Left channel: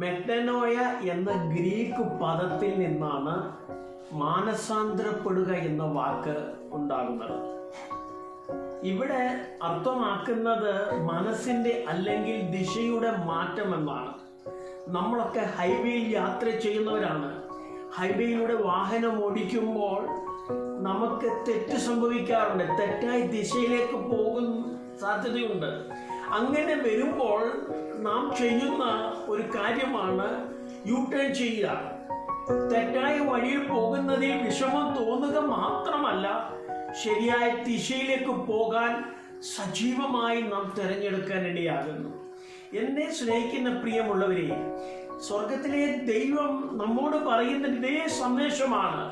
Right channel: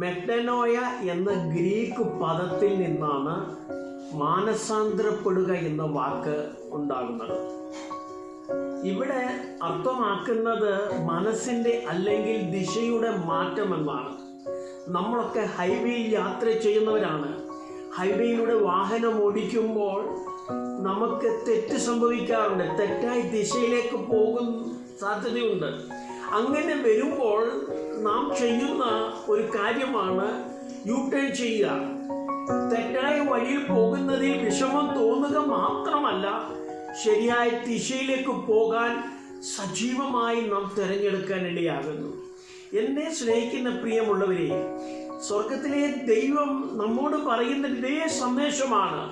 Metanoia എന്ന Greek പദത്തിൽ നിന്നാണ് മാനസാന്തരപ്പെടുക എന്ന വാക്ക് ഉണ്ടാകുന്നത്. ഇവിടെ അർത്ഥമാക്കുന്നത് മനസ്സിൻ്റെ അല്ലെങ്കിൽ ദിശയുടെ മാറ്റമെന്നാണ്. നമ്മളൊക്കെ ഹൈവേയിൽ യാത്ര ചെയ്യുന്നവരാണ്. ഹൈവേയിലൂടെ വാഹനം ഓടിക്കുമ്പോൾ നമുക്ക് തെറ്റ് സംഭവിക്കാറുണ്ട്. തെറ്റായ ദിശയിലേക്ക് പോകുന്ന സാധ്യതയുണ്ട്. അങ്ങനെ വരുമ്പോൾ നാം ചെയ്യുന്ന ഒരു കാര്യമാണ് യു ടേൺ ചെയ്യുക. തെറ്റായ വഴിയിൽ പോകുന്നതിൽ വിഷമം തോന്നുക മാത്രമല്ല, ശരിയായ ദിശയിലേക്ക് പോകാൻ സജീവമായി നാം തിരഞ്ഞെടുക്കാൻ ഇടയാകുന്നു. എന്നെ സ്നേഹിക്കുന്ന പ്രിയമുള്ളവരെ, സ്വർഗത്തിലെ ദൈവം നമ്മോട് പറയുന്ന ഇതേ സന്ദേശമാണ്.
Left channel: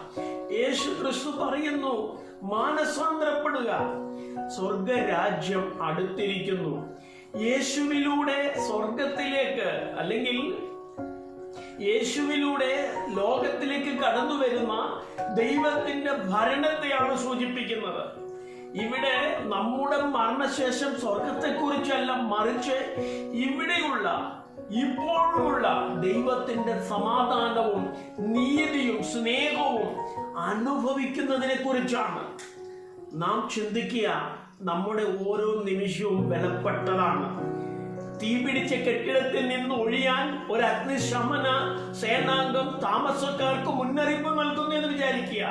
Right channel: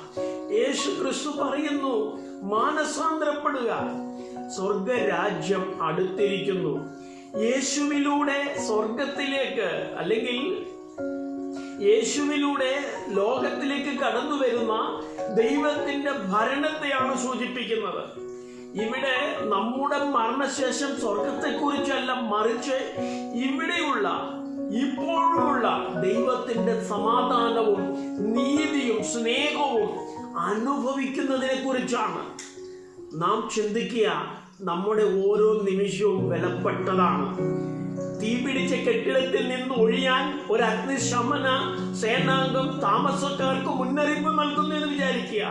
യേശു ക്രിസ്തു പറയുന്നു, മാനസാന്തരപ്പെടുക, സ്വർഗരാജ്യം അടുത്തിരിക്കുന്നു. യേശുവിലൂടെ സ്വർഗത്തിലേക്ക് അല്ലെങ്കിൽ യേശുവിലൂടെ ലോകത്തിലേക്ക് കടന്നു വരുന്ന ദൈവത്തിന്റെ ഭരണത്തെയാണ് സൂചിപ്പിക്കുന്നത്. ഇവിടെ നമ്മുടെ മരണശേഷം സ്വർഗത്തെക്കുറിച്ചല്ല, മറിച്ച് ഇവിടെയുള്ള ഇപ്പോഴുള്ള ദൈവത്തിന്റെ സമാധാനവും നീതിയും സ്നേഹവും അനുഭവിക്കുന്നതിനെ കുറിച്ചാണ് നാം ചിന്തിക്കുക. നമ്മുടെ ഓരോ നിമിഷവും വിലപ്പെട്ടതാണ്. തീപിടിച്ച കെട്ടിടത്തിൽ നിന്ന് ഒഴിയാൻ ഒരു അഗ്നിശമന സേനാംഗം താമസക്കാർക്ക് മുന്നറിയിപ്പ് നൽകുന്നു എന്ന് വിചാരിക്കുക.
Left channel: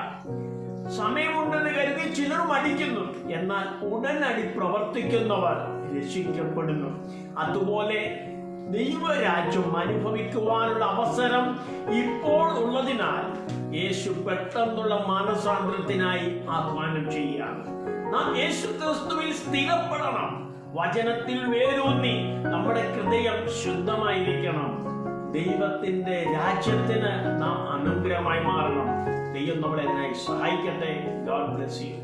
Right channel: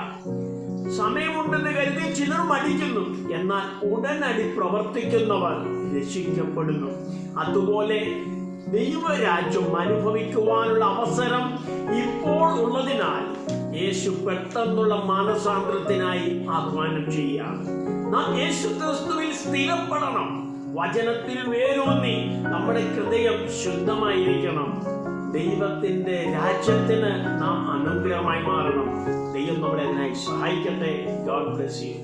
സമയമുണ്ടെന്ന് കരുതി ചിലർ മടിക്കുന്നു, എന്നാൽ ഉടനടി പ്രവർത്തിക്കുന്നവർ രക്ഷിക്കപ്പെടുന്നു. അതുപോലെ ദൈവരാജ്യം അനുഭവിക്കുവാനുള്ള അവസരം ഇപ്പോൾ ഉള്ളതിനാൽ യേശു പെട്ടെന്നുള്ള മാനസാന്തരത്തിനായി ആഹ്വാനം ചെയ്യുകയാണ്. നാം യേശു ക്രിസ്തുവിൽ സ്ഥിരപ്പെടണം. വചനത്തിൽ വേരൂന്നി നമ്മുടെ ഹൃദയം ശുദ്ധമായിരിക്കണം. ദൈവത്തിന്റെ രാജ്യത്തിന് നാം അനുഗ്രഹമായി മാറണം. ദൈവം നമ്മളെ അതിനായി സഹായിക്കട്ടെ. God bless you.